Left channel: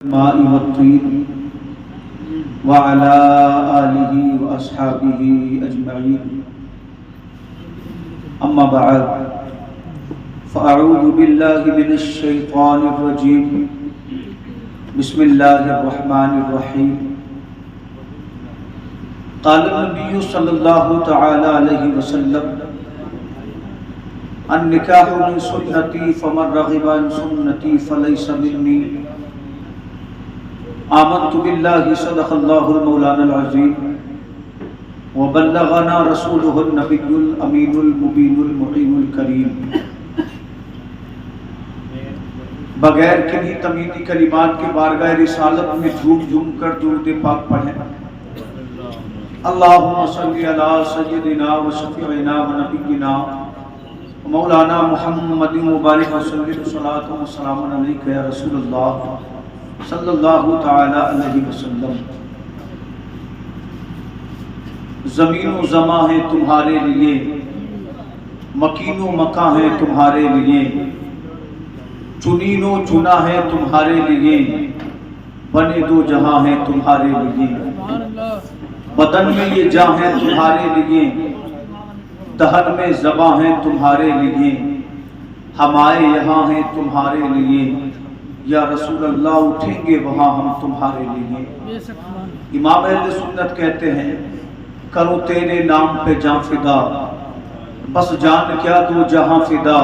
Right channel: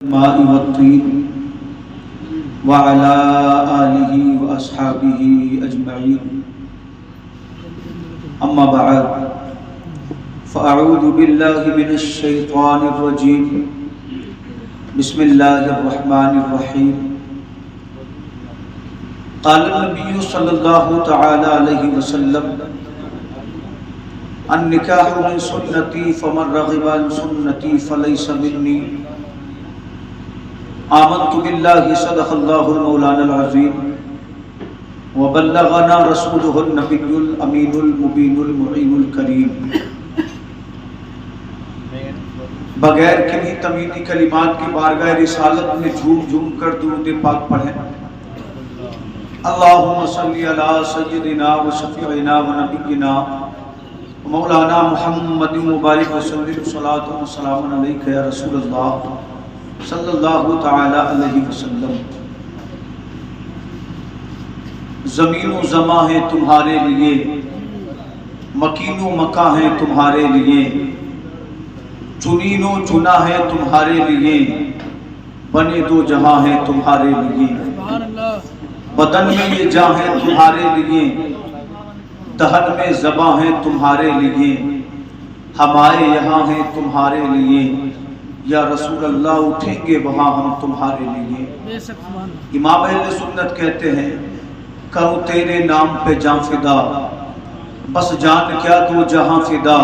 الماء والطين وعلى آله وأصحابه أجمعين أما بعد فأعوذ بالله من الشيطان الرجيم بسم الله الرحمن الرحيم قال النبي صلى الله تعالى عليه وسلم النکاح من سنتی فمن رغب عن سنتی فلیس منی آمنت باللہ صدق اللہ المولانا العظیم وبلغنا رسولہ النبی الامین المبین المعین الکریم۔ بغیر کنی تمہیدی کلمات کی بارگاہ رسالت میں جھوم جھوم کر درود پاک پڑھیں۔ اللہم صلی علی سیدنا و شفیعنا و نبینا مولانا محمد مبارک وسلم صلاۃ و سلام علیک یا رسول اللہ صلی اللہ تعالی علیہ وسلم۔ زمین و زماں ہے تمہارے لیے، مکین و مکاں ہے تمہارے لیے، چنین و چنا ہے تمہارے لیے، بنے دو جہاں ہے تمہارے لیے، بدن میں یہ جاں ہے تمہارے لیے، دہن میں زباں ہے تمہارے لیے، ہمارے یہاں ہیں تمہارے لیے، یا رسول اللہ اٹھیں گے وہاں ہم تمہارے لیے۔ امام اہل سنت کہتے ہیں کروں تیرے نام پہ جاں فدا، بس جان کیا دو جہاں فدا،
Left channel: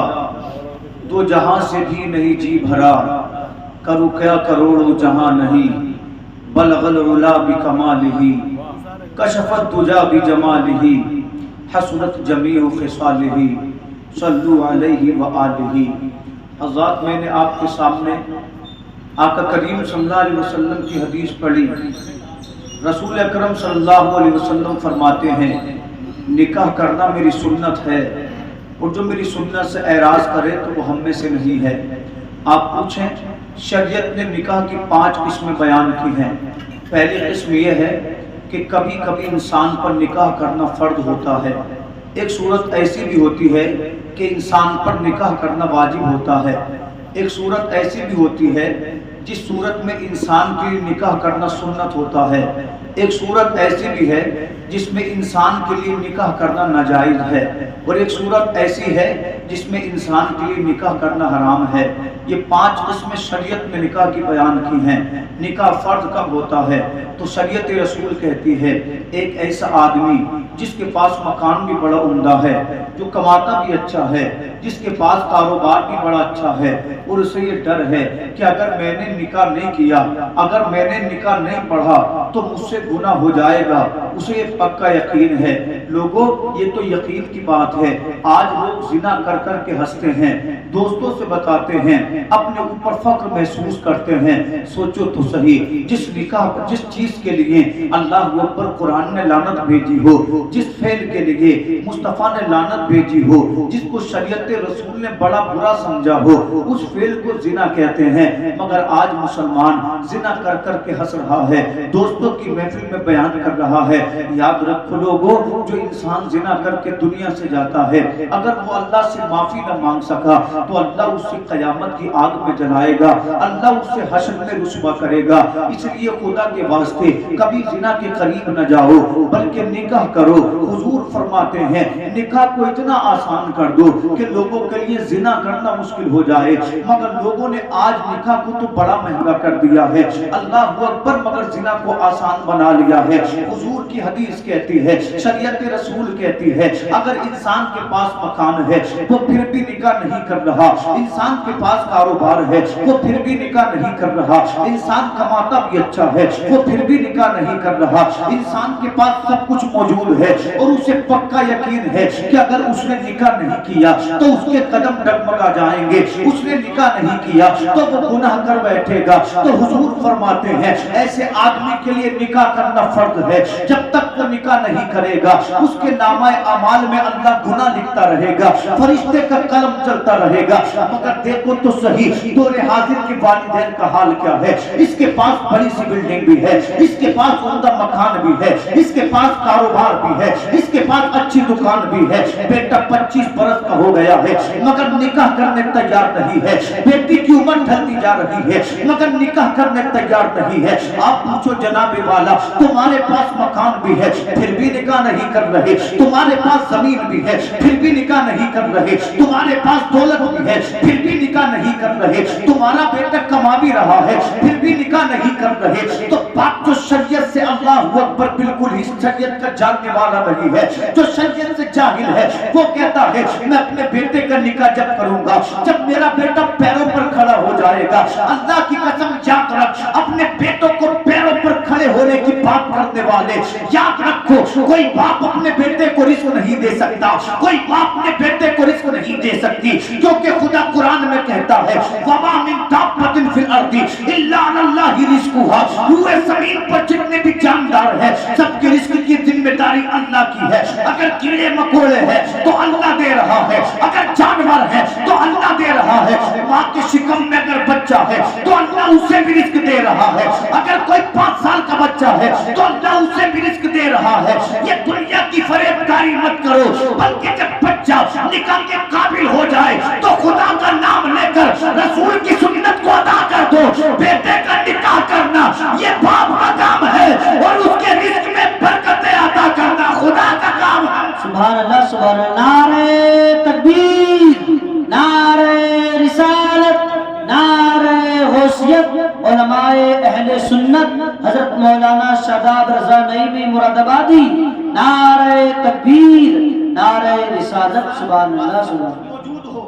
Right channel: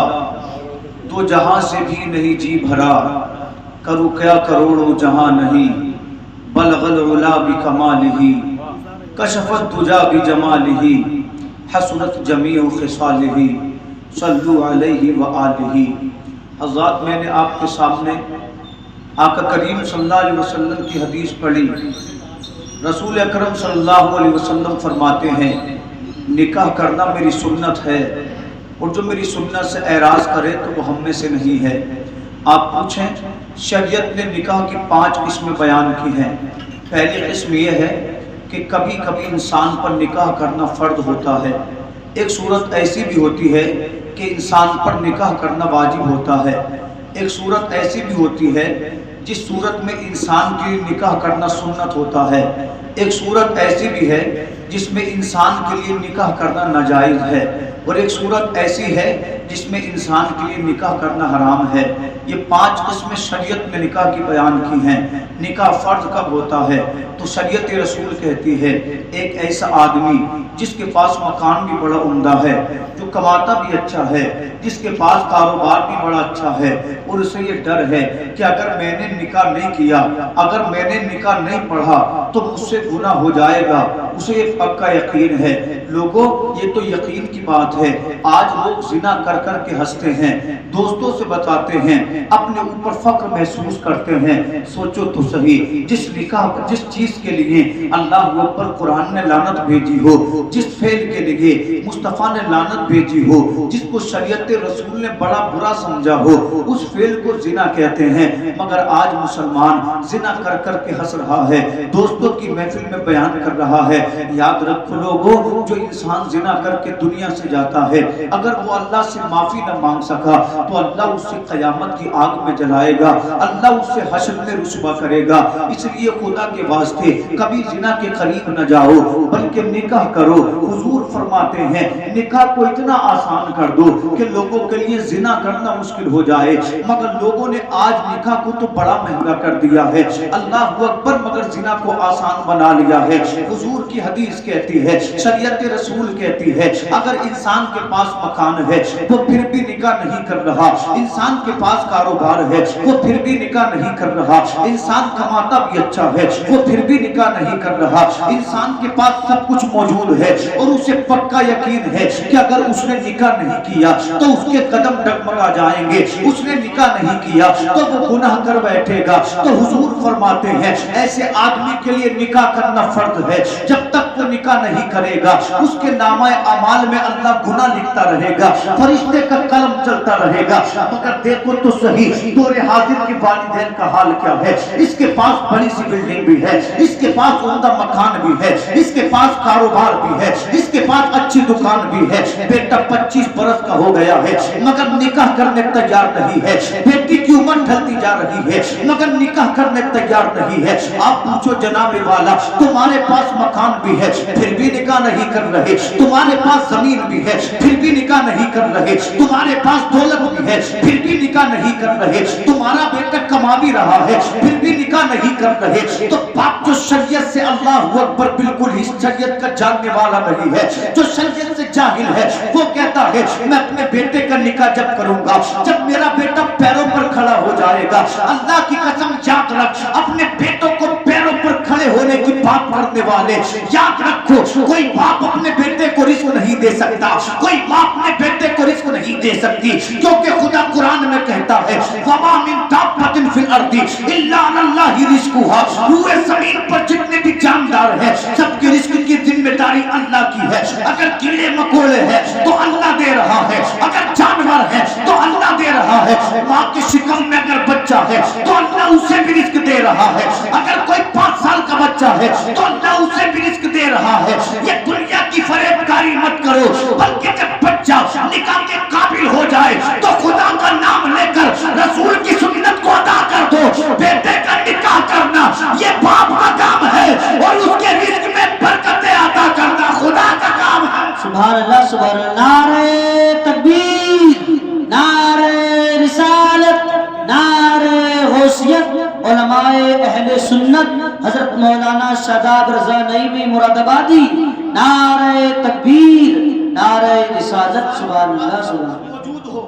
دو جہاں سے بھی نہیں جی بھرا، کروں کیا کروڑوں جہاں نہیں، بلغ العلا بکمالہ، کشفت دجا بجمالہ، حسنت جمیع خصالہ، صلو علیہ وآلہ۔ حضرات، میں نے آپ کے سامنے آقا کریم صلی اللہ علیہ وسلم کی حدیث پڑھی۔ رسول اکرم صلی اللہ علیہ وسلم فرماتے ہیں نکاح کرنا میری سنت ہے، اور جو میری سنت سے اعراض کرے تو وہ ہم میں سے نہیں ہے۔ آپ پوچھیں شریعت نے نکاح کی 5 قسمیں بیان کی ہیں۔ پہلی قسم یہ ہے کہ کبھی کبھی انسان پر نکاح کرنا فرض ہوتا ہے۔ ایک صورت ایسی بھی ہوتی ہے کہ انسان پر نکاح کرنا واجب ہوتا ہے۔ ایک صورت ایسی بھی ہوتی ہے جس صورت میں انسان کے لیے نکاح کرنا سنت ہوتا ہے۔ ایک صورت ایسی بھی ہے جس میں انسان کے لیے نکاح کرنا ناجائز ہے، اور ایک صورت ایسی ہے جس میں انسان کے لیے نکاح کرنا حرام ہے۔ یہ 5 قسمیں شریعت میں نکاح کی بیان کی ہیں۔ نکاح فرض کب ہوتا ہے تو شریعت رسول کہتی ہے ایک ایسا آدمی جس کے پاس مکان بھی بڑا عمدہ ہے، جو کماتا بھی اچھا ہے، جس کے پاس کاروبار بھی بڑا اچھا ہے، اور اسے یہ ڈر ہے کہ اگر میں نے نکاح نہیں کیا، اگر میں نے نکاح نہیں پڑھا تو مجھ سے گناہ ہو جائے گا، اسے ایک پکا یقین ہے۔ لوگوں، یہ تو یقین کی بات ہے۔ آج لوگ زنا کر کر کے ہنستے ہیں، دوستوں سے بتاتے ہیں، اپنے اوپر فخر محسوس کرتے ہیں۔ سوچو تو صحیح، جس چیز کے لیے اللہ اکبر قرآن نے لعنت بھیجی ہو، جس فعل کے لیے مصطفیٰ نے لعنت بھیجی ہو، جس کو شریعت رسول نے بڑا برا سمجھا ہو، اس فعل کو زنا کہتے ہیں۔ مگر آج مسلمان زنا کر کر کے ہنس رہا ہے، دوستوں کی محفل میں بیان کر رہا ہے۔ یاد رکھو لوگوں، جو انسان زنا کر کے دنیا سے جاتا ہے، اگر وہ اللہ سے معافی نہ مانگ سکا تو اللہ اس سے قیامت کی آگ میں جلائے گا، اللہ اس سے حشر میں رسوا کرے گا۔ اس لیے خدا کے واسطے کبھی زنا کے قریب نہ جاؤ، بلکہ نکاح کرو۔ حضور فرماتے ہیں نکاح کو اتنا آسان کر دو کہ لوگوں کے لیے زنا کرنا مشکل ہو جائے، مگر لوگوں نے آج نکاح کو تو بڑا مہنگا کر دیا ہے، اللہ اکبر، مگر زنا کو آسان بنا لیا ہے۔ حضور کی حدیث کہتی ہے، شریعت رسول کہتی ہے، اگر انسان کے پاس مکان ہے وہ پھر بھی نکاح نہیں کر رہا، انسان کے پاس کاروبار ہے وہ پھر بھی نکاح نہیں کر رہا، انسان کماتا بھی اچھا ہے وہ پھر بھی نکاح نہیں کر رہا، انسان کے پاس سب کچھ موجود ہے اور اسے پکا یقین ہے کہ اگر اس نے نکاح نہیں کیا تو اس کے قدم ڈگمگا جائیں گے، اس نے نکاح نہیں کیا تو وہ گناہ کر بیٹھے گا، تو حضور فرماتے ہیں ایسے آدمی کے لیے نکاح کرنا فرض ہے۔ جب تک وہ نکاح نہیں کرے گا اس کے نامہ اعمال میں اللہ گناہ لکھتا رہے گا، فرشتے کا قلم چلتا رہے گا۔ مگر دیکھو تو صحیح دور حاضر کے والدین کا حال کیا ہے۔ اس کے پاس بڑی سی بلڈنگ بھی ہے، اس کے پاس عمدہ مکان بھی ہے، اس کے پاس کاروبار بھی ہے, اس کے پاس اچھی دکان بھی ہے, بیٹا 25 برس کا ہو گیا ہے مگر نکاح کرنے تیار نہیں ہے, بیٹی کی عمر ڈھلتی جا رہی ہے مگر نکاح کرنے تیار نہیں ہے. آپ پوچھو جناب والا, تمہارے پاس مکان بھی ہے پھر بھی نکاح نہیں کر رہے, تمہارے پاس زمین بھی ہے پھر بھی نکاح نہیں کر رہے, تمہارے پاس دولت بھی ہے پھر بھی نکاح نہیں کر رہے, تمہارا بیٹا کما بھی رہا ہے پھر بھی نکاح نہیں کر رہے, تو باپ جو شریعت سے اللہ اکبر بالکل ہی شریعت کا جاننے والا نہیں ہے, جو شریعت سے جاہل ہے, وہ کہتا ہے میں اپنے بیٹے کا نکاح جب کروں گا جب میرا بیٹا پیروں پر کھڑا ہو جائے گا. اللہ کی قسم یاد رکھ, اپنے بیٹوں کو پیروں پر کھڑے ہونے کی بات کرنے والے یاد رکھو, کوئی باپ اپنے بیٹے کو رزق نہیں دے سکتا, کوئی باپ اپنے بیٹے کو رزق نہیں دے سکتی, کیونکہ خدا قرآن میں کہتا ہے وَمَا مِن دَابَّةٍ فِي الْأَرْضِ إِلَّا عَلَى اللَّهِ رِزْقُهَا, روئے زمین پر جتنے بھی جاندار ہیں سب کے رزق کی ذمہ داری اللہ کی ہے. اگر کیڑے مکوڑے ہیں تو اللہ دے رہا ہے, اگر جانور ہے تو اللہ دے رہا ہے, ماں کے شکم میں اگر بچہ ہے تو اللہ اسے بھی رزق دے رہا ہے, اگر کوئی 5 سال کا بچہ ہے تو اللہ اسے بھی رزق دے رہا ہے. یہ دنیا کی فریب کاری مت کرو, بلکہ جب بچہ نکاح کے قابل ہو جائے تو خدا کا نام لے کر رسول کی سنت کو ادا کر دو. بیٹے کا نکاح کرنا یہ باپ کا کام ہے اور اس کے رزق میں برکتیں عطا کرنا خدا کا کام ہے. سبحان اللہ, سبحان اللہ. نعرہ تکبیر, نعرہ رسالت, نعرہ حوثیت. علماء اہل سنت حضرت مولانا شاداب رضا نعیمی مراد آبادی, نعرہ تکبیر, نعرہ رسالت. سبحان اللہ, سبحان اللہ. موجود ہو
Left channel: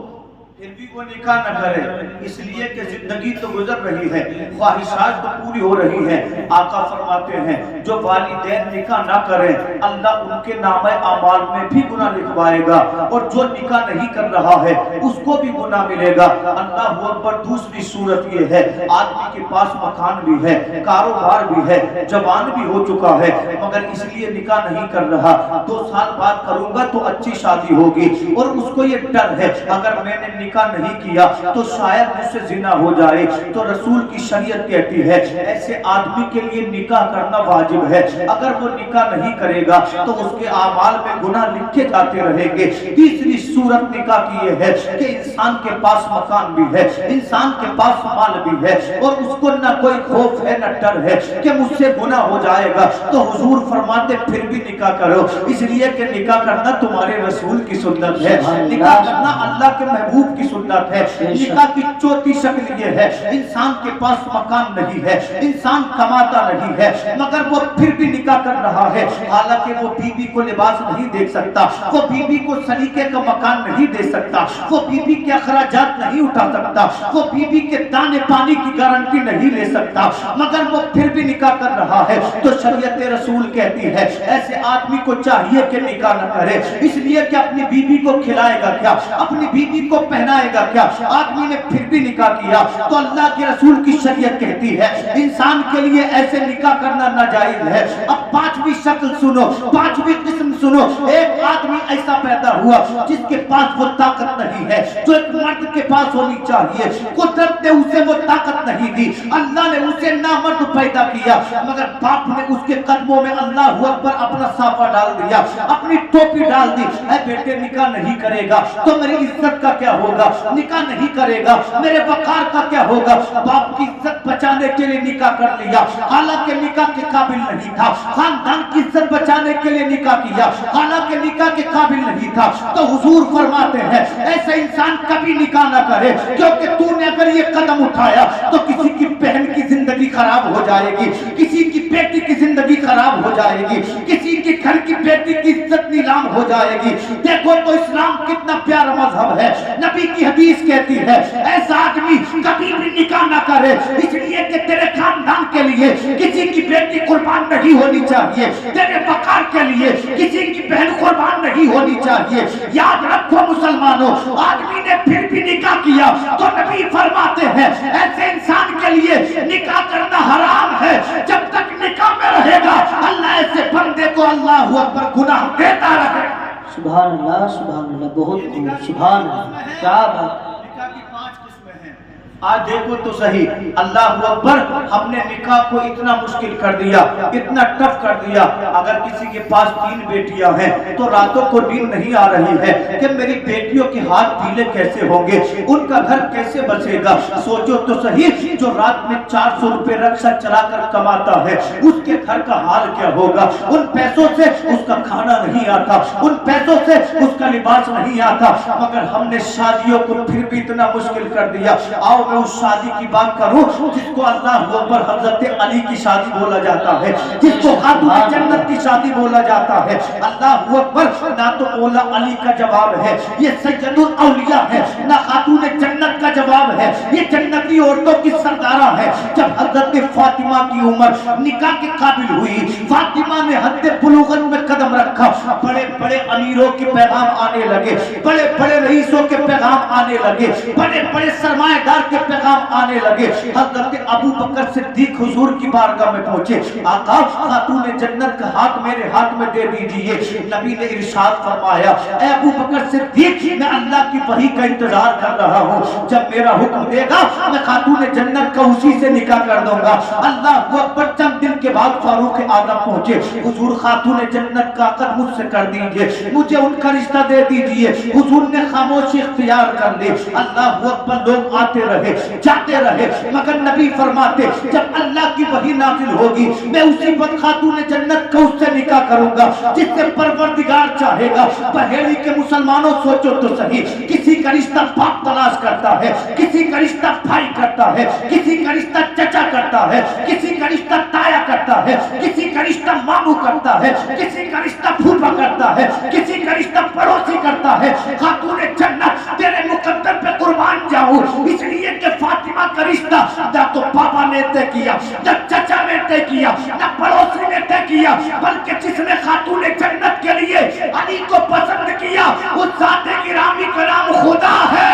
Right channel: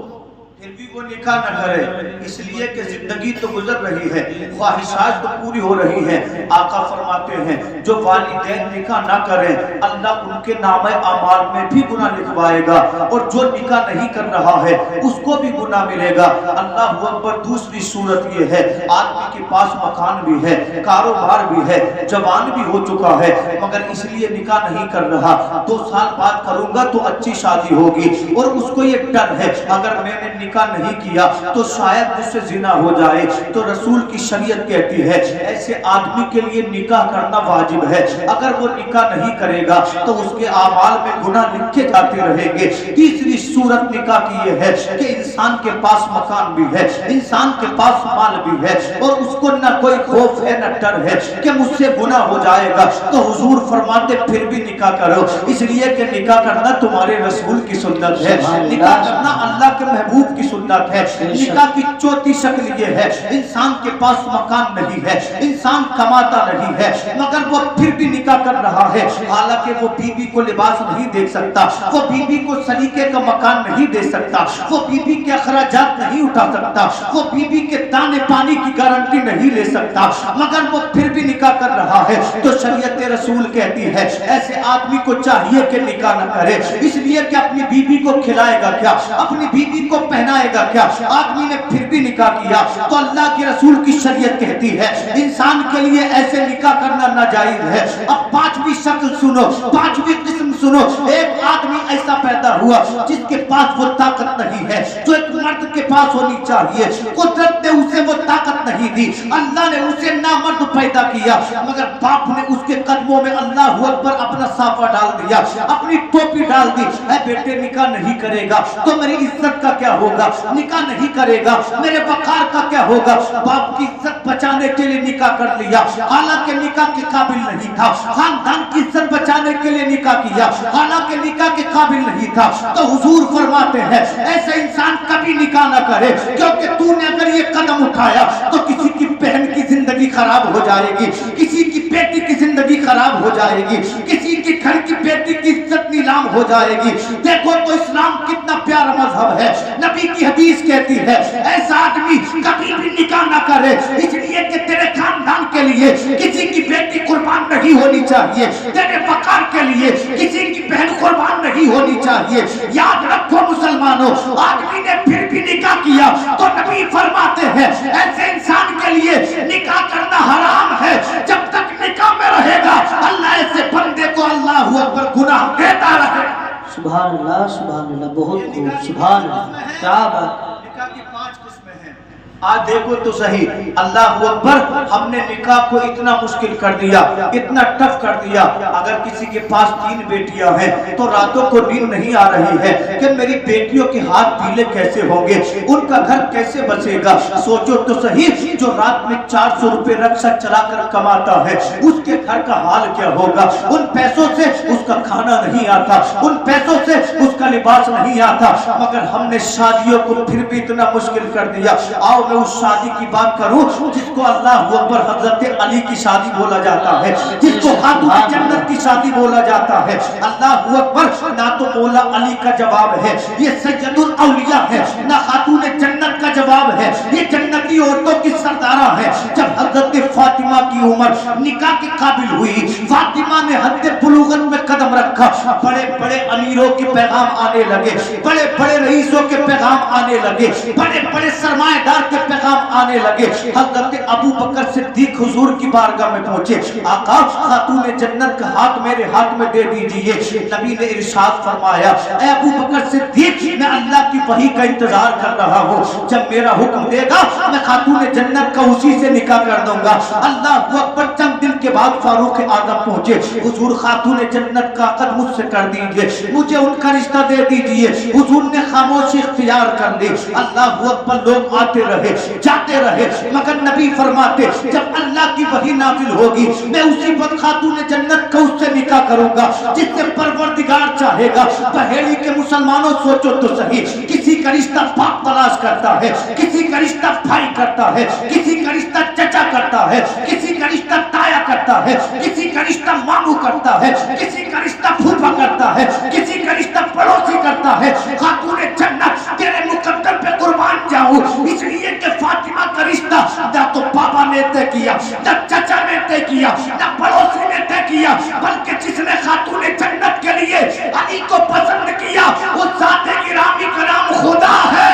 پھر بھی وہ نکاح نہ کرے, اس لیے کہ زندگی تو گزر رہی ہے, خواہشات تو پوری ہو رہی ہے. آقا فرماتے ہیں جو والدین نکاح نہ کریں اللہ ان کے نام اعمال میں بھی گناہ لکھوائے گا, اور جو نکاح نہیں کر رہا ہے اس کو بھی گناہ ملے گا. اللہ اکبر. دوسری صورت یہ ہے, آدمی کے پاس مکان بھی ہے, کاروبار بھی ہے, جوان بھی ہو چکا ہے مگر اس لیے نکاح نہیں کر رہا, 2 سال بعد کروں گا تو اچھی شادی ہوگی, اور اس کو یہ ڈر ہے اگر میں نے نکاح نہیں کیا تو شاید مجھ سے زنا ہو جائے. تو رسول کی شریعت کہتی ہے ایسے آدمی کے لیے نکاح کرنا واجب ہے. اگر وہ نکاح نہیں کرے گا تو اس کے اعمال میں گناہ لکھے جاتے رہیں گے. تیسری صورت نکاح کی یہ ہے کہ انسان کے پاس مکان بھی ہے, انسان کے پاس مال بھی ہے, اور اس کو نہ کوئی خوف ہے نہ ڈر ہے کہ مجھ سے گناہ ہو جائے گا. تو حضور فرماتے پھر بھی نکاح کرو, اس لیے کہ نکاح کرنا تمہارے رسول کی سنت ہے, نکاح کرنا اللہ کے محبوب کی سنت ہے. نکاح کی چوتھی شکل یہ ہے, انسان کے پاس مکان نہیں ہے, انسان کماتا نہیں ہے مگر وہ پھر بھی نکاح کر رہا ہے, حالانکہ وہ بیوی کو لباس نہیں دے سکتا, وہ بیوی کو سلیقے کا مکان نہیں دے سکتا, وہ بیوی کے اخراجات نہیں اٹھا سکتا, وہ بیوی کے دانے پانی کی گارنٹی نہیں لے سکتا, مگر وہ پھر بھی نکاح کر رہا ہے. تو شریعت رسول کہتی ہے ایسے آدمی کو چاہیے کہ نکاح نہ کرے, اس لیے کہ اپنی بیوی کو کھلائے گا کیا, اپنی بیوی کو پہنائے گا کیا. آدمی نے پھر بھی نکاح کیا تو اللہ کے رسول کی شریعت کہتی ہے انسان کے لیے ایسے نکاح کرنا ناجائز ہے. اب 5ویں شکل سنو, 5ویں قسم سنو. ایک آدمی ایسا پیدا ہوا جس کے پاس وہ طاقت نہیں ہے جو ایک مرد کے پاس ہونی چاہیے, قدرت نے اسے وہ طاقت نہیں دی, اللہ نے اسے نامرد پیدا کیا, مگر باپ نے اس کے قدموں میں اللہ اکبر اپنا صافہ ڈال دیا, اپنی ٹوپی ڈال دی. اے بیٹے نکاح نہیں کرے گا تو میری عزت کا کیا ہوگا, نکاح نہیں کرے گا میرے وقار کا کیا ہوگا. باپ کی عزت بچانے کے لیے نکاح کر لیا, حالانکہ نکاح کے قابل نہیں تھا. خاندان کی عزت بچانے کے لیے نکاح کیا, حالانکہ نکاح کے قابل نہیں تھا. تو حضور فرماتے ہیں ایسا انسان کبھی نکاح نہ کرے, کیونکہ تو نے اگر یہ قدم اٹھایا تو کسی کی بہن کی زندگی خراب ہو جائے گی, کسی کی بیٹی کی زندگی خراب ہو جائے گی, کسی کی گھر کی بیٹی کی عزت نیلام ہو جائے گی. دیکھو تو اسلام کتنا پیارا مذہب ہے. نبی کی حدیث کہتی ہے ایسا آدمی کبھی بھی نکاح نہ کرے, اس لیے کہ تیرے خاندان کے لیے کسی کی بیٹی قربان نہیں ہونی چاہیے, تیرے وقار کے لیے کسی کی بہن قربان نہیں ہونی چاہیے. یاد رکھو مسلمانوں, آدمی نے پھر بھی نکاح کیا تو نبی فرماتے ہیں ایسے انسان کے لیے نکاح کرنا حرام ہے. جب تک نکاح میں رہے گا اللہ ایسے بندے کو اللہ اکبر گناہ دیتا رہے. سبحان اللہ, سبحان اللہ, بہت خوب, سبحان اللہ, کیا بات. نکاح کی 5 قسمیں ہیں. آج دیکھو تو صحیح، اللہ اکبر، ہم نے نکاح کو اتنا مشکل کر دیا، اتنا ٹف کر دیا۔ اگر کسی کے پاس 3 بیٹیاں ہیں تو راتوں کو نیند نہیں آ رہی ہے کہ میری بیٹیوں کے ہاتھ پیلے کیسے ہوں گے، ان کا گھر کیسے بچے گا۔ سوچو تو صحیح، جو رات میں 400 روپے رکشہ چلا کر کماتا ہے اس کے گھر کا حال کیا ہوگا۔ ان پیسوں سے اس کا کھانا نہیں آتا، ان پیسوں سے اس کا لباس نہیں آتا، مگر ہم نے شادیوں کو پھر بھی اتنا مشکل کر دیا۔ آؤ میں اس شادی کی بات کروں جس کو اللہ اکبر حضرت علی کی شادی بولا جاتا ہے، جس کو خاتون جنت کی شادی بولا جاتا ہے۔ اللہ اکبر، نہ تو مولا علی کا جواب ہے، یہ سید الاولیاء ہے، نہ خاتون جنت کا جواب ہے، یہ جنتی عورتوں کی سردارہ ہے۔ جب حضرت فاطمہ کی عمر نکاح کے قابل ہوئی، فاطمہ نے حد بلوغت میں قدم رکھا، بڑے بڑے امیروں کے پیغام آنے لگے، بڑے بڑے رئیسوں کے پیغام آنے لگے، بڑے بڑے سرمایہ دار کے پیغام آنے لگے۔ حضرت ابو بکر صدیق حضور کی بارگاہ میں پہنچے، آقا خاتون جنت کا ہاتھ میرے ہاتھ میں دے دیجئے۔ نبی نے ارشاد فرمایا، اے ابو بکر صدیق، میں اللہ کی وحی کا انتظار کر رہا ہوں، جب میرا حکم دے گا میں خاتون جنت کا اسی سے نکاح کر دوں گا۔ اللہ اکبر، چند دن کے بعد فاروق اعظم پہنچے، حضور خاتون جنت کا عقد مجھ سے کر دیجئے، مجھے ان کا رشتہ دے دیجئے۔ حضور نے خاموشی اختیار کر لی۔ اللہ اکبر، لوگ آتے رہے جاتے رہے، مگر نبی فرماتے جب اللہ کی وحی نازل ہوگی میں اسی وقت خاتون جنت کا اس سے نکاح کروں گا جس سے پروردگار چاہے گا۔ پہیڑی کے مسلمانوں، سوچو تو صحیح، کسی کا رشتہ باپ تلاش کرتا ہے، کسی کا رشتہ بھائی کرتا ہے، کسی کا رشتہ چچا کرتا ہے، کسی کا رشتہ تایا کرتا ہے، کسی کا رشتہ ماموں کرتا ہے، کسی کا رشتہ پھوپھا کرتا ہے، کسی کا رشتہ پڑوسی کرتا ہے۔ خاتون جنت تیرے مقدر پہ قربان جاؤں، اس لیے کہ فاطمہ کا رشتہ نہ تو بابا نے طے کیا، نہ چچا نے طے کیا، نہ پڑوسی نے طے کیا، بلکہ جس نے خاتون جنت کے لیے علی کو پسند کیا اس ذات گرامی کا نام خدا ہے۔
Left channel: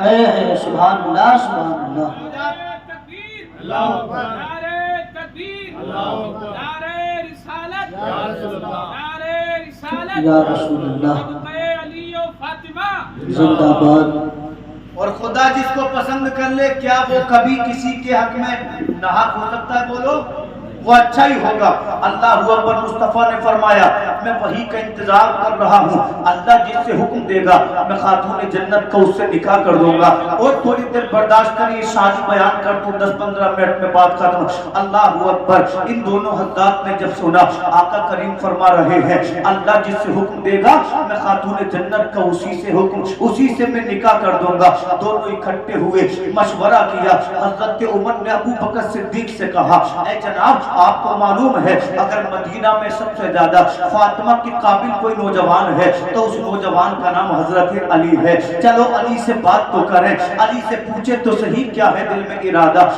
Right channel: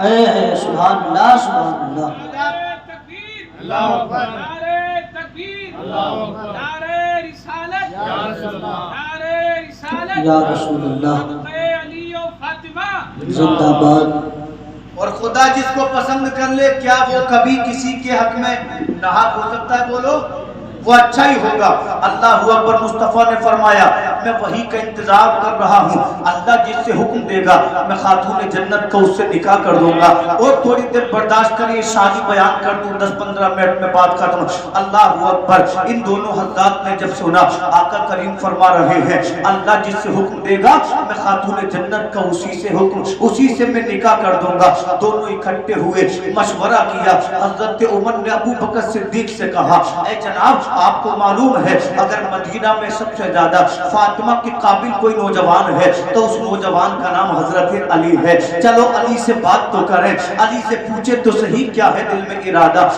اے سبحان اللہ، سبحان اللہ۔ اللہ اکبر، نعرہ تکبیر، اللہ اکبر، نعرہ رسالت، یا رسول اللہ، نعرہ رسالت، یا رسول اللہ، علی و فاطمہ زندہ باد۔ اور خدا جس کو پسند کر لے، کیا وہ کبھی کسی کے حق میں ناحق ہو سکتا ہے؟ بولو، وہ اچھا ہی ہوگا۔ اللہ اکبر، مصطفیٰ نے فرمایا میں وحی کا انتظار کر رہا ہوں، اللہ جس سے حکم دے گا میں خاتون جنت کا اس سے نکاح کر دوں گا۔ اور تھوڑی دیر برداشت کریے، شادی بیان کر دوں، 10-15 منٹ میں بات ختم۔ اللہ اکبر، ان دونوں حضرات نے جب سنا آقا کریم فرما رہے ہیں اللہ جس سے حکم دے گا میں خاتون جنت کا اسی سے میں نکاح کر دوں گا، دونوں اکٹھے ہوئے، مشورہ کیا۔ حضرت عمر نے ابو بکر صدیق سے کہا، اے جناب، آپ کو معلوم ہے اگر مدینہ میں سب سے زیادہ فاطمہ کے قابل کوئی نوجوان ہے تو اس نوجوان کا نام حضرت علی ہے، چلو علی سے بات تو کریں، علی سے پوچھے تو صحیح کیا ہے دل میں ارادہ۔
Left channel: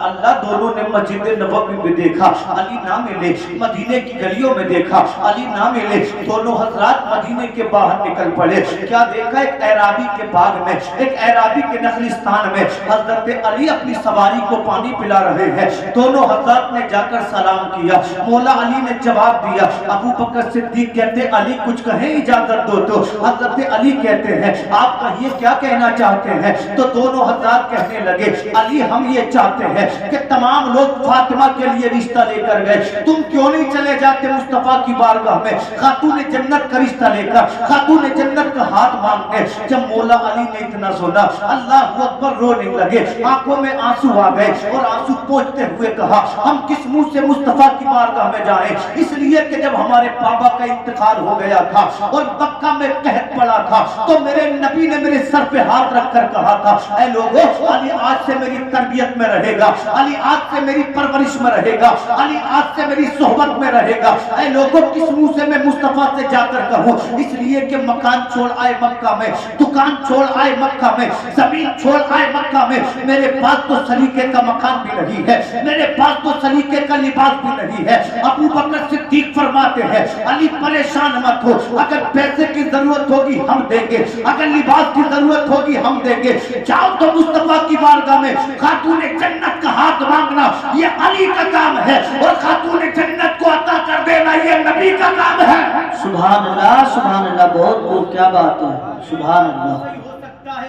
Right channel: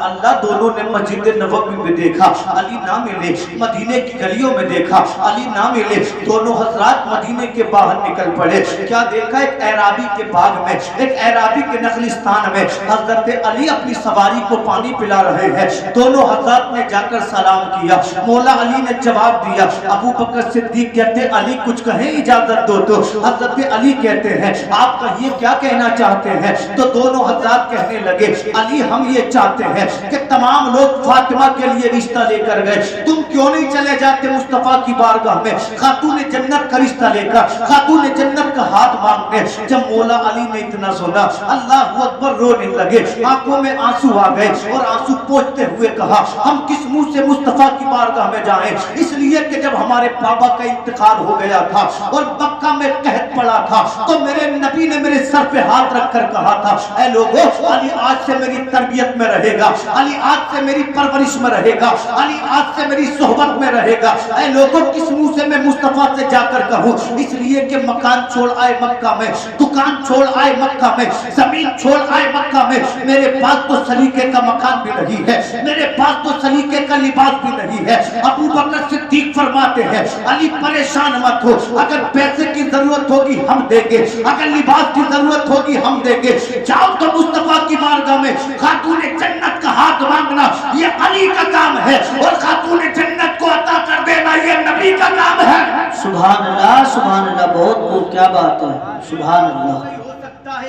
اللہ دونوں نے مسجد نبوی میں دیکھا، علی نہ ملے، مدینے کی گلیوں میں دیکھا، علی نہ ملے، دونوں حضرات مدینے کے باہر نکل پڑے۔ کیا دیکھا؟ ایک اعرابی کے باغ میں، ایک اعرابی کے نخلستان میں حضرت علی اپنی سواری کو پانی پلا رہے ہیں۔ دونوں حضرات نے جا کر سلام کیا، مولا علی نے جواب دیا۔ ابو بکر صدیق کہتے علی کچھ کہیں، اجازت دو تو۔ حضرت علی کہتے ہیں آپ کہیے کیا کہنا چاہتے ہیں؟ تو دونوں حضرات کہنے لگے علی ہم یہ چاہتے ہیں کہ تمام لوگ فاطمہ کے لیے رشتہ لے کر گئے، تم کیوں نہیں چلے جاتے مصطفیٰ کی بارگاہ میں خاتون جنت کا رشتہ لے کر، خاتون جنت کا ہاتھ مانگنے؟ جب مولا علی نے اتنا سنا اللہ اکبر رونے لگے، آنکھوں میں آنسو آ گئے اور آنسو پوچھتے ہوئے کہا ہم کس منہ سے مصطفیٰ کی بارگاہ میں جائیں؟ اس لیے کہ جب ہمارے بابا کا انتقال ہو گیا تھا اور مکہ میں قحط پڑا تھا تو میرے نبی نے میرے سر پہ ہاتھ رکھ کر کہا تھا اے لوگوں، علی آج سے میری تربیت میں رہے گا، علی آج سے میری پرورش میں رہے گا، علی آج سے میری صحبت میں رہے گا۔ اے لوگوں، کس منہ سے میں مصطفیٰ سے جا کر کہوں؟ اس لیے کہ مکان چھوڑ آئے مکہ میں، دکان چھوڑ آئے مکہ میں، زمین چھوڑ آئے مکہ میں، میرے پاس تو سلیقے کا مکان بھی نہیں ہے، میرے پاس تو سلیقے کا لباس بھی نہیں ہے۔ ابو بکر صدیق فرماتے ہیں علی پریشان مت ہو، اگر پیسے کی ضرورت ہوگی ہم دیں گے، اگر لباس کی ضرورت ہوگی ہم دیں گے، جاؤ تو مصطفیٰ کی بارگاہ میں خاتون جنت کا ہاتھ مانگنا یہ علی کا کام ہے، اور خاتون جنت کو عطا کر دینا یہ نبی کا کام ہے۔ سبحان اللہ، سبحان اللہ، بہت کیا بات ہے، سبحان اللہ۔ ہو سکتا ہے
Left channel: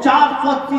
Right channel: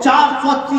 480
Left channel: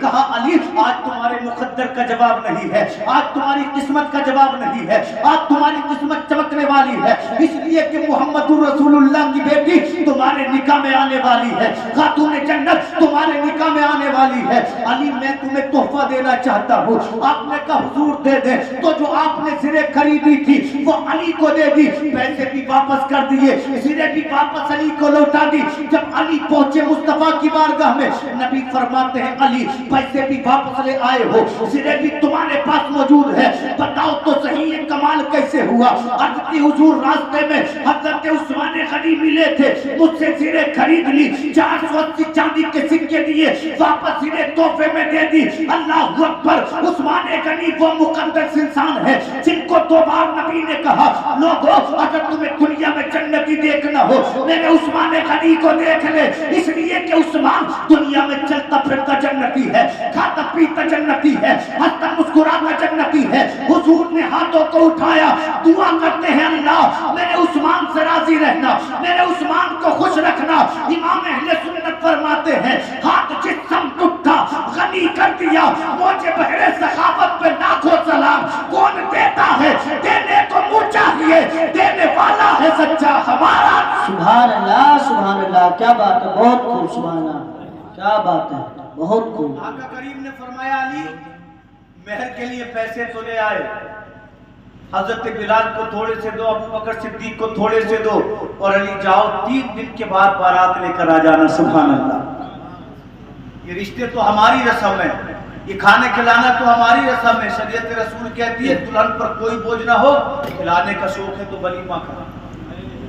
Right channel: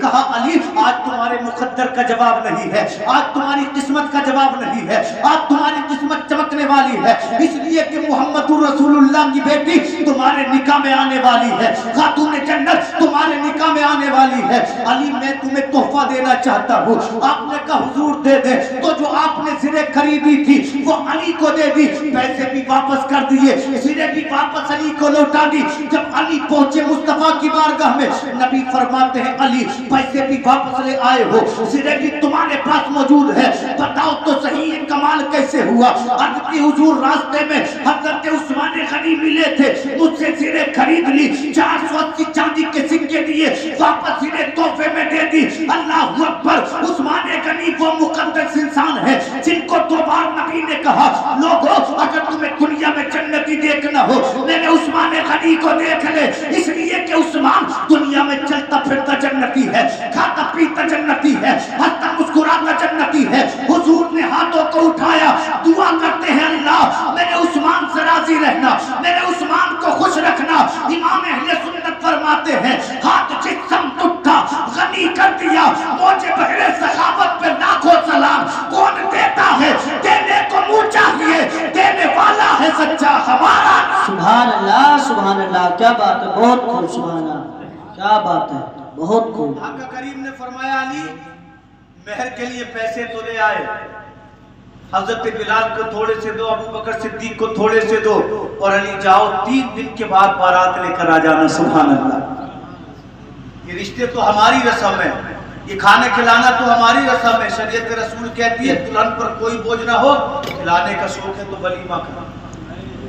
کہا علی آج تمہارے مقدر کا جواب نہیں ہے، آج تمہاری قسمت کا جواب نہیں ہے، آج تمہاری قسمت چمکنے والی ہے، اس لیے کہ محمد رسول اللہ کی بیٹی تمہارے نکاح میں آنے والی ہے، خاتون جنت تمہارے نکاح میں آنے والی ہے. علی میں تمہیں تحفہ دینا چاہتا ہوں. آپ نے کہا حضور دے دے. تو جو آپ نے زرے خریدی تھی وہ علی کو دے دی، پیسے بھی واپس کر دیے، زرے بھی واپس علی کو لوٹا دی. جب علی پہنچے مصطفیٰ کی بارگاہ میں، نبی فرماتے ہیں علی پیسے بھی واپس لے آئے ہو، زرے بھی تمہارے پاس موجود ہے، بتاؤ تو صحیح یہ کمال کیسے ہوا؟ عرض کی حضور راستے میں حضرت عثمان غنی ملے تھے، مجھ سے زرے خرید لی، 480 چاندی کے سکے دیے، واپس زرے تحفے میں دے دی. اللہ اکبر. عثمان غنی وہ مقدس انسان ہے جن کو 2 بار نبی نے کہا لوگوں اگر تمہیں دنیا میں جنتی دیکھنا ہو میرے عثمان غنی کو دیکھ لے، اس لیے کہ عثمان دنیا میں چلتا پھرتا جنتی ہے، کھاتا پیتا جنتی ہے، ہنستا مسکراتا جنتی ہے. حضور نے ہاتھوں کو اٹھایا، دعا کرتے ہیں اللہ میرے عثمان سے راضی رہنا، میرے عثمان کو خوش رکھنا. امام اہل سنت فرماتے ہیں ہاتھ جس سمت اٹھا غنی کر دیا، موجے بحر سخاوت پہ لاکھوں سلام. کون دیتا ہے دینے کو منہ چاہیے، دینے والا ہے سچا ہمارا. سبحان اللہ سبحان اللہ، کیا بات ہے، بہت خوب. سبحان اللہ، کیا بات ہے، بہت خوب. آقا کریم نے فرمایا علی مہر کے لیے پیسے تو لے آئے، حضرت بلال کو تھوڑے سے دو، ابو بکر صدیق کو تھوڑے سے دو، اور علی جاؤ 3 دن کے بعد بارات لے کر آ جانا. سبحان اللہ. یہ رشتے تو ہماری رسم ہے، یہ کھانے کھلانا تو ہماری رسم ہے. شریعت رسول کہتی ہے دلہن پر کوئی بوجھ نہ ہو، کھلانے کا شوق ہے تو ولیمہ کرنا.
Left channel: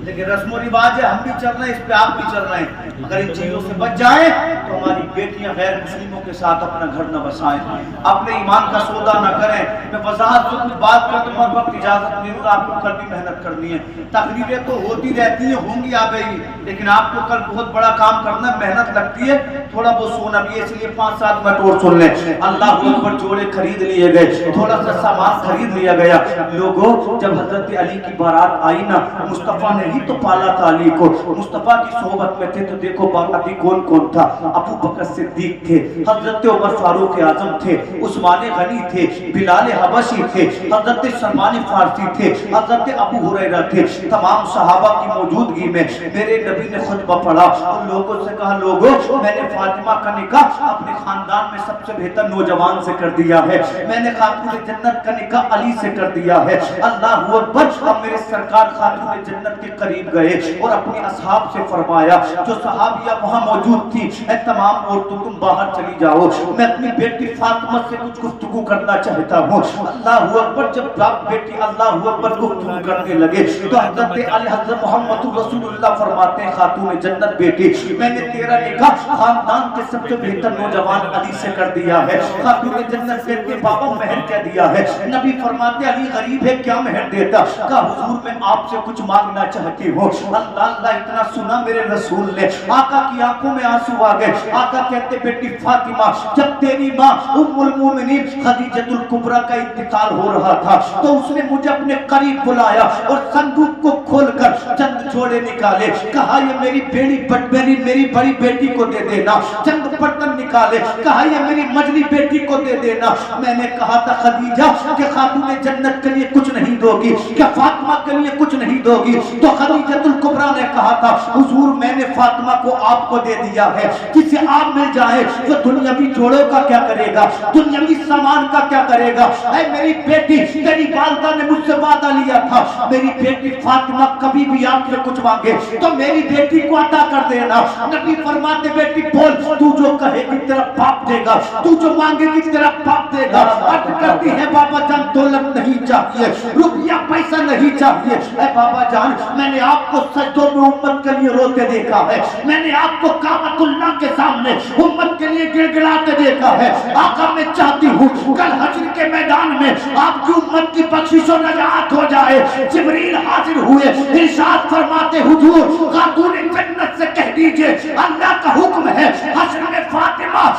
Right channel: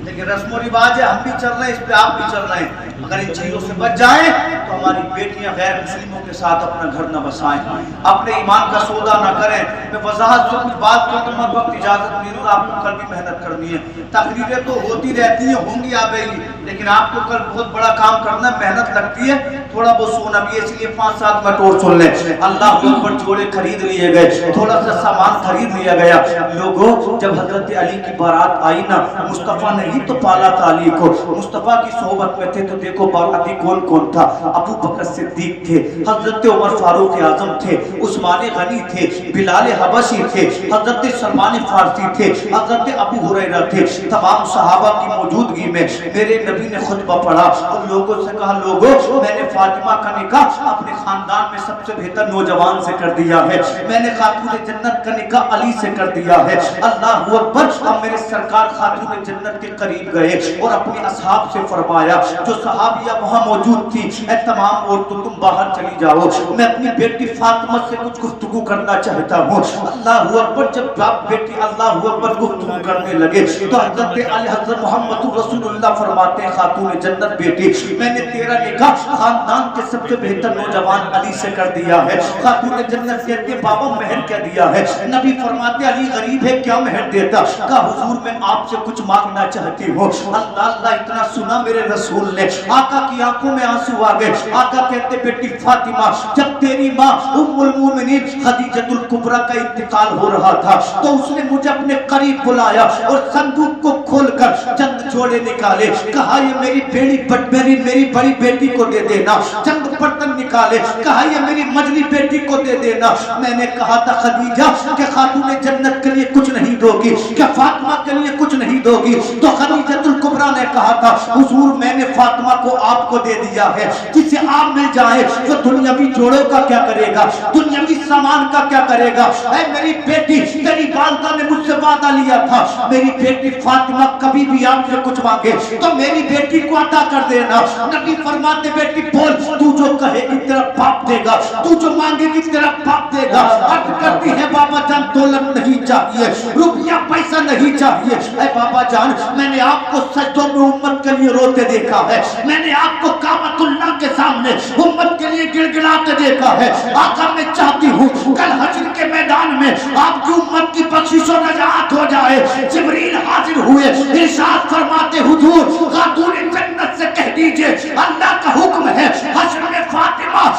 لیکن رسم و رواج ہے، ہم بھی چل رہے ہیں، اس پہ آپ بھی چل رہے ہیں. اگر ان چیزوں سے بچ جائیں تو ہماری بیٹیاں غیر مسلموں کے ساتھ اپنا گھر نہ بسائیں، اپنے ایمان کا سودا نہ کریں. میں وضاحت سے کچھ بات کرتا ہوں، ہر وقت اجازت نہیں دوں گا، آپ کو کل بھی محنت کرنی ہے. تقریریں تو ہوتی رہتی ہیں، ہوں گی آبے ہی، لیکن آپ کو کل بہت بڑا کام کرنا ہے، محنت لگتی ہے، تھوڑا بہت سونا بھی ہے، اس لیے 5-7 منٹ اور سن لیں. اللہ اکبر. جوڑے خرید لیے گئے، تھوڑا سا سامان خرید لیا گیا. لوگوں جب حضرت علی کی بارات آئی نا، مصطفیٰ نے ہی تو پالا تھا علی کو، مصطفیٰ کی صحبت میں تھے. تو دیکھو باقی کون کون تھا؟ ابو بکر صدیق تھے، حضرت عمر فاروق اعظم تھے، عثمان غنی تھے، بلال حبشی تھے، حضرت سلمان فارسی تھے، حضرت ابو ہریرہ تھے. تمام صحابہ کی موجودگی میں میرے نبی نے خطبہ پڑھا اور لوگوں سے کہا لوگوں میں نے فاطمہ کا نکاح اپنے خاندان میں سب سے بہتر نوجوان سے کر دیا ہے، میں نے خاتون جنت کا نکاح علی سے کر دیا ہے. اللہ اکبر. اب میرے سرکار خاتون جنت کے قریب گئے اور اپنے اصحاب سے فرمایا جو صحابیہ وہاں موجود تھی، اے تمام عورتوں تم باہر چلی جاؤ، میں اپنی بیٹی فاطمہ سے کچھ گفتگو کرنا چاہتا ہوں. اللہ اکبر. جب باپ بیٹی اللہ اکبر گفتگو کرنے لگے تو حضرت علی حضرت محمد رسول اللہ فرماتے ہیں خاتون جنت بیٹی میں نے تیرا نکاح خاندان کے سب سے بہتر نوجوان علی سے کر دیا ہے. خاتون جنت کہتے ہیں بابا مہر کہہ دیا ہے. نبی فرماتے علی غریب ہے کیا مہر دیتا؟ کہا حضور میں آپ سے کچھ مانگنا چاہتی ہوں. اللہ اللہ. اتنا سنا میرے رسول نے، آقا کی آنکھوں میں آنسو آ گئے. آقا کہتے بیٹی فاطمہ جب تیری ماں ام المومنین خدیجۃ الکبریٰ کا انتقال ہو رہا تھا تو اس نے مجھے اپنے قریب بلایا اور صندوق کو کھول کر چند جوڑے نکالے. کہا یہ میری بڑی بیٹی کو دے دینا. چند برتن نکالے. کہا یہ میری مجلی بیٹی کو دے دینا. میں نے کہا تھا خدیجہ کہ خاتون جنت کے لیے کچھ نہیں دو گی، کہ فاطمہ کے لیے کچھ نہیں دو گی. تو خدیجۃ الکبریٰ نے کہا تھا حضور میں نے فاطمہ کو آپ کو دے دیا ہے، جسے آپ مل جائے تو دنیاوی جوڑوں کا کیا کرے گا، دنیاوی سامان کا کیا کرے گا. اے میری بیٹی تیری والدہ نے مجھ سے وعدہ لیا تھا میری بیٹی فاطمہ کبھی بھی آپ سے کچھ مانگے تو میری بیٹی کو عطا کر دینا. نبی فرماتے بیٹی بول تو جو کہے گی تیرا باپ دے گا، تو جو مانگے گی تیرا باپ دے گا. عرض کرتی ہے بابا جان دولت نہیں چاہیے، روپیہ پیسہ نہیں چاہیے. اے بابا جان میں نے آپ کو سجدوں میں امت کے لیے روتے دیکھا ہے، میں نے آپ کو کعبۃ اللہ کے سامنے امت کے لیے گڑ گڑاتے دیکھا ہے. آقا میں چاہتی ہوں کل حشر کے میدان میں آپ کی امت کی بخشش و نجات ہو جائے. جبریل حاضر ہوئے، ارشاد فرماتے حضور خاتون جنت سے کہہ دیجئے اللہ کا حکم ہے حشر میں فاطمہ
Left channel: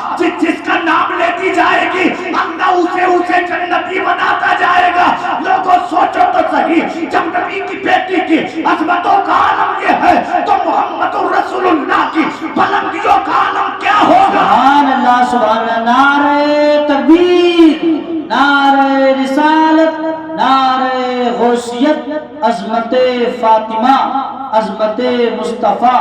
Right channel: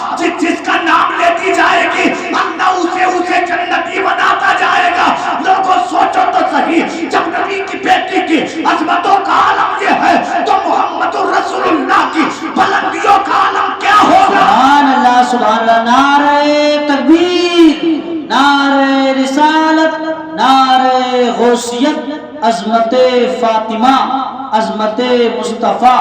جس کا نام لیتی جائے گی اللہ اسے جنتی بناتا جائے گا. لوگوں سوچو تو صحیح، جب نبی کی بیٹی کی عظمتوں کا عالم یہ ہے تو محمد رسول اللہ کی بلندیوں کا عالم کیا غوثیت، عظمت فاطمہ، عظمت مصطفیٰ،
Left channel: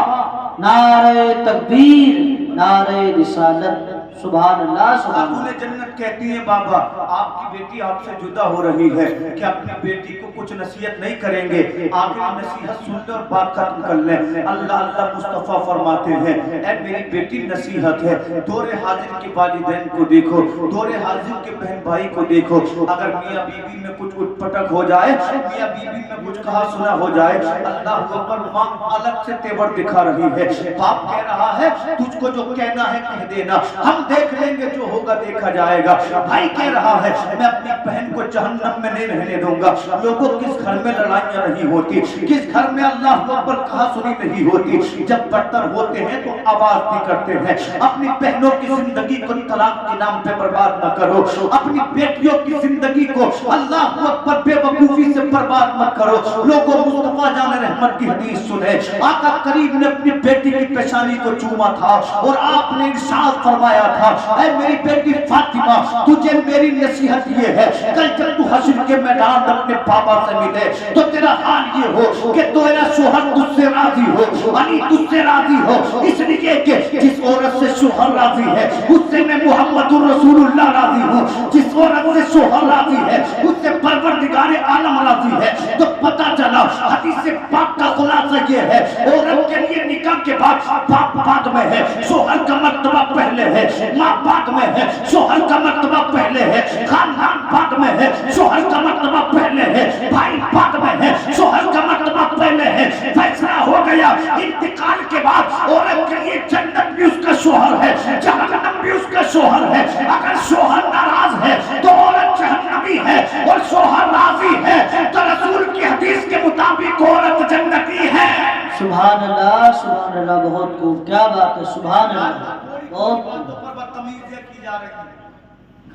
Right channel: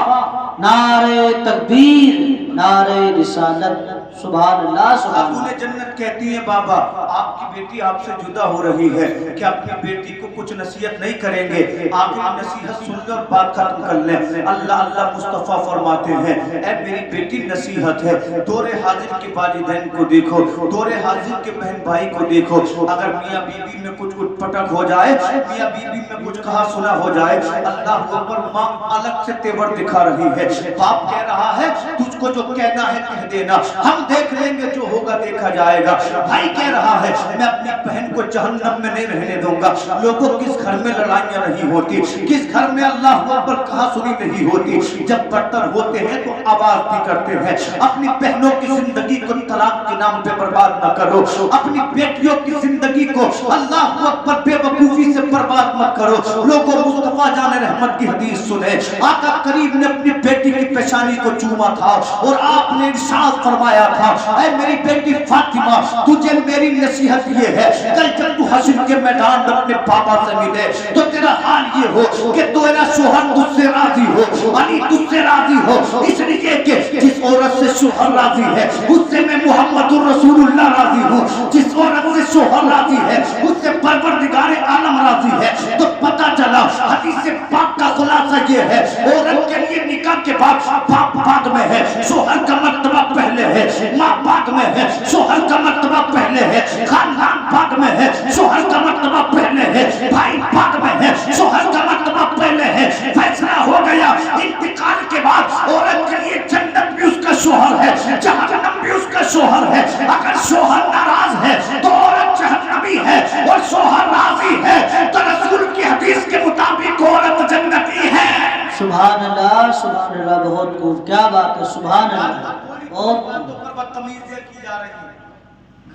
نعرہ تکبیر، نعرہ رسالت۔ سبحان اللہ سبحان خاتون اللہ۔ جنت کہتی ہیں بابا آپ کی بیٹی آپ سے جدا ہو رہی ہے کہ اپنی بیٹی کو کچھ نصیحت نہیں کریں گے، آپ نصیحت سن لیں اور بات ختم کر لیں۔ اللہ اللہ مصطفیٰ فرماتے ہیں اے میری بیٹی نصیحت ہے، دور حاضر کے والدین کو دیکھو، دور حاضر کے بہن بھائی کو دیکھو، اگر میاں بیوی میں کچھ اٹھ پٹک ہو جائے، میاں بیوی میں کچھ کہا سنا ہو جائے، اللہ اکبر، ماں الگ سے تیور دکھا رہی ہے، باپ کہہ رہا ہے تجھ کو جو کہنا ہے کہہ دینا، ہم دیکھ لیں گے جو ہوگا دیکھا جائے گا۔ بھائی کہہ رہا ہے میں اپنی بہن کو جہنم میں نہیں رہنے دوں گا۔ لوگوں کس گھر میں لڑائیاں نہیں ہوتی، کس گھر میں اللہ اکبر کہا سنی نہیں ہوتی، جب برتن ہوتے ہیں تو آواز بھی کرتے ہیں۔ اپنی بہنوں کی زندگی کو طلاق کے نام پہ برباد نہ کرو، اپنی بیٹیوں کی زندگی کو اللہ اکبر بے وقوفی سے برباد مت کرو۔ لوگوں مصطفیٰ جان رحمت کی حدیث سنے، آقا کریم نے اپنی بیٹی کی پیشانی کو چوما تھا اور آپ نے ارشاد فرمایا تھا اے میری بیٹی فاطمہ تجھے میری نصیحت یہ ہے، کل جب تو حشر کے میدان میں اپنے بابا سے ملے تو تیرا حال یہ ہو کہ تیرا شوہر تجھ سے راضی ہو، علی تجھ سے راضی ہو، اس لیے کہ جس عورت سے شوہر راضی ہے اس سے میں محمد الرسول اللہ راضی ہوں، جس عورت سے شوہر راضی ہے اس سے پروردگار عالم راضی ہے۔ تو پتہ چلا حدیث پاک کا خلاصہ یہ ہے عورت کے لیے نکاح کے بعد باپ بعد میں ہے، شوہر کا مرتبہ پہلے ہے، ماں بعد میں ہے، شوہر کا مرتبہ پہلے ہے، خاندان بعد میں ہے، شوہر کا مرتبہ پہلے ہے، بھائی بعد میں ہے، شوہر کا مرتبہ پہلے ہے۔ فیصلہ ہو گیا انتقال کے بعد عورت کے لیے جنت بھی اس کا شوہر ہے، جہنم بھی اس کا شوہر ہے۔ اگر شوہر ناراض ہے تو عورت جہنمی ہے، اور شوہر راضی ہے تو رسول کی حدیث کے مطابق عورت جنتی ہے۔ سبحان اللہ سبحان اللہ، بہت خوب، کیا بات ہے، سبحان اللہ، بہت باتوں پر بدتمیزیاں کی جا رہی ہیں۔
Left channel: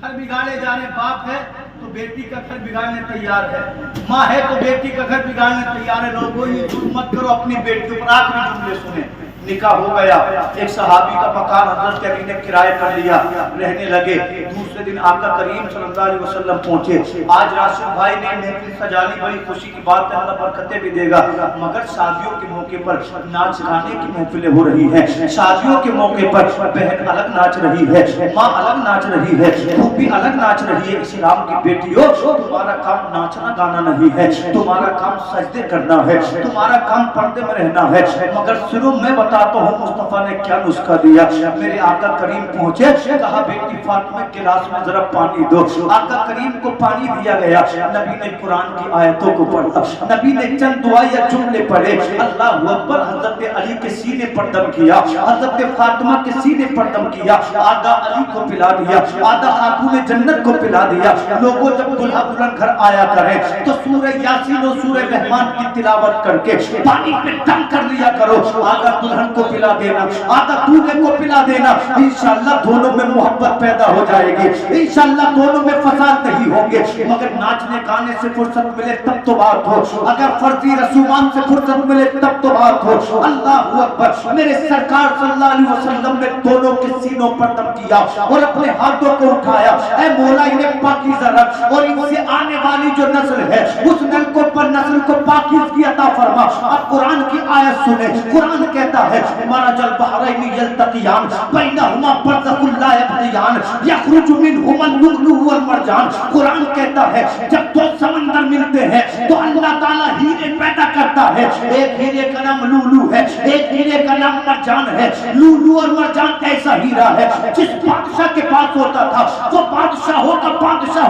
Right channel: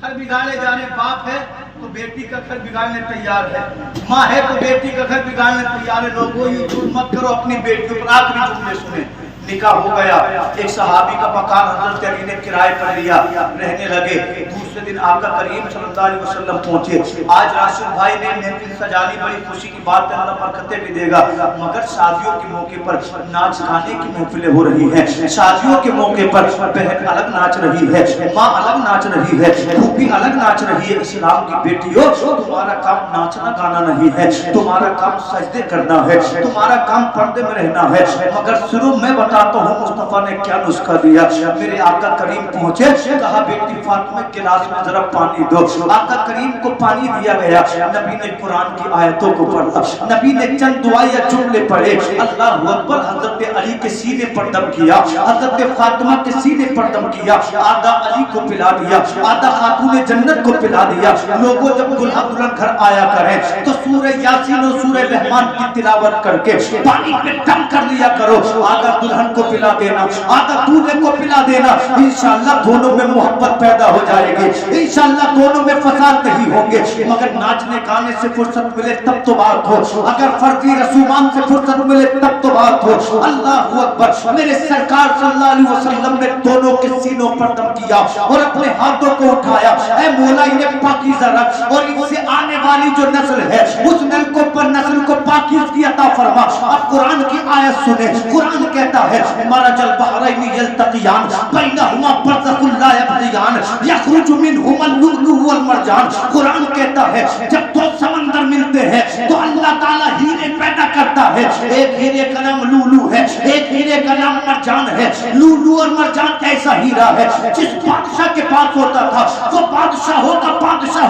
گھر بگاڑے جانے باپ ہے تو بیٹی کا گھر بگاڑنے تیار ہے، ماں ہے تو بیٹی کا گھر بگاڑنے تیار ہے۔ لوگوں یہ ظلم مت کرو، اپنی بیٹیوں پر آخری جملے سنیں۔ نکاح ہو گیا، ایک صحابی کا مکان حضرت علی نے کرائے پر لیا، رہنے لگے۔ دوسرے دن آقا کریم صلی اللہ علیہ وسلم پہنچے۔ آج راشد بھائی نے محفل سجانی، بڑی خوشی کی بات ہے، اللہ برکتیں بھی دے گا، مگر شادیوں کے موقع پر ناچ گانے کی محفلیں ہو رہی ہیں۔ شادیوں کے موقع پر بہن الگ ناچ رہی ہے، ماں الگ ناچ رہی ہے، پھوپھی الگ ناچ رہی ہے۔ اسلام کی بیٹیوں تمہارا کام ناچنا گانا نہیں ہے، تمہارا کام سجدے کرنا ہے، تمہارا کام پردے میں رہنا ہے۔ مگر صرف میں بتاتا ہوں مصطفیٰ نے کیا نسخہ دیا۔ میرے آقا کریم پہنچے، کہا بیٹی فاطمہ گلاس میں ذرا پانی دو۔ آقا کریم کو پانی دیا گیا، نبی نے قرآن کی آیتوں کو پڑھا، نبی نے چند دعائیں یا جملے پڑھے، اللہ اکبر، حضرت علی کے سینے پر دم کیا، حضرت فاطمہ کے سینے پر دم کیا، آدھا علی کو پلا دیا، آدھا خاتون جنت کو پلا دیا۔ لوگوں جب دلہا دلہن گھر آیا کریں تو سورہ یاسین اور سورہ رحمان کی تلاوت کر کے پانی پہ دم کر لیا کرو، آدھا دلہن کو پلا دینا، آدھا دولہے کو پلا دینا، انشاءاللہ دونوں میں محبت پیدا ہو جائے گی، انشاءاللہ دونوں میں فساد نہیں ہوں گے۔ مگر ناچنے گانے سے فرصت ملے تب تو بات ہو، اگر فرضی رسومات سے فرصت ملے تب تو بات ہو۔ اللہ اکبر، میرے سرکار صلی اللہ علیہ وسلم نے دونوں کے سینوں پر دم کیا اور اپنے ہاتھوں کو اٹھایا، اے مولا انہیں پاکیزہ رکھ اور ان سے آنے والی جو نسل ہے اس نسل کو پاکیزگی عطا فرما۔ اب قرآن کی آیت سنیں، قرآن کہتا ہے مرج البحرین یلتقیان بینہما برزخ لا یبغیان یخرج منہما اللؤلؤ والمرجان۔ قرآن کہتا ہے جب دو سمندر ملتے ہیں تو اللہ تعالیٰ ہیرے پیدا کرتا ہے، ایک ہیرے کا نام لولو ہے، ایک ہیرے کا نام مرجان ہے۔ لولو اور مرجان ایسا ہیرا ہے جس بادشاہ کے پاس ہوتا تھا وہ بادشاہ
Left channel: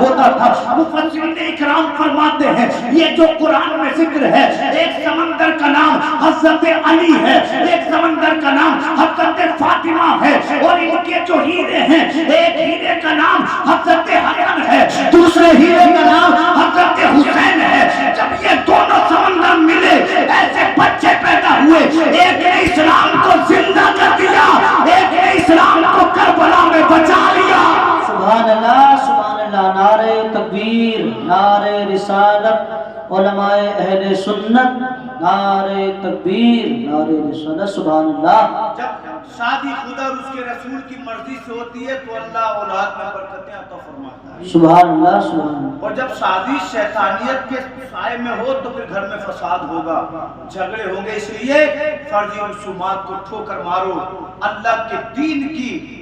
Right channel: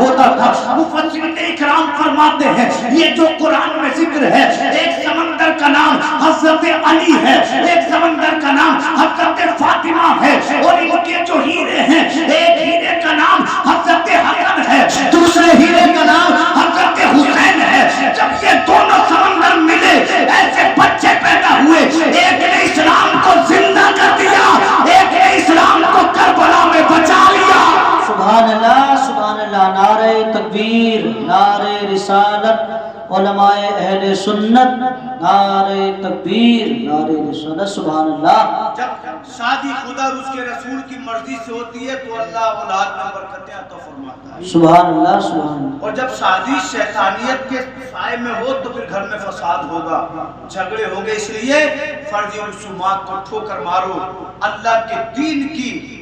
ہوتا تھا۔ مفسرین اکرام فرماتے ہیں یہ جو قرآن میں ذکر ہے، ایک سمندر کا نام حضرت علی ہے، ایک سمندر کا نام حضرت فاطمہ ہے، اور ان کے جو ہیرے ہیں ایک ہیرے کا نام حضرت حسن ہے، دوسرے ہیرے کا نام حضرت حسین ہے۔ جب یہ دونوں سمندر ملے ایسے بچے پیدا ہوئے، ایک نے اسلام کو زندہ کر دیا، ایک نے اسلام کو کربلا میں بچا لیا۔ سبحان اللہ سبحان اللہ، نعرہ تکبیر، نعرہ رسالت، علماء اہل سنت نعرہ تکبیر، نعرہ رسالت، سبحان اللہ۔ جب شادی خدا اور اس کے رسول کی مرضی سے ہوتی ہے تو اللہ اولاد میں برکتیں عطا فرماتا ہے، سبحان اللہ، سبحان اللہ۔ اور جب شادی شیطانیت کے سائے میں ہو تو پھر گھر میں فساد ہوگا، جھگڑے ہوں گے۔ اس لیے فرضی رسومات کو ٹھوکر مارو، اللہ کے دین کی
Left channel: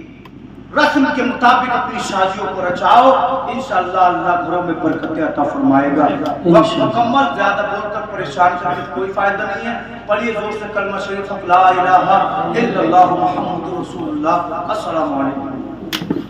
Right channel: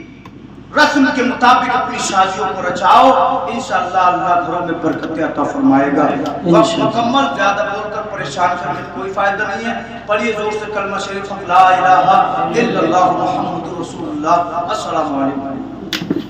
رسم کے مطابق اپنی شادیوں کو رچاؤ، انشاءاللہ اللہ گھروں میں برکتیں عطا فرمائے گا۔ وقت مکمل، زیادہ بول کر پریشان کرنے کوئی فائدہ نہیں ہے۔ پڑھیے زور سے کلمہ شریف لا الہ الا اللہ محمد رسول اللہ۔ السلام علیکم۔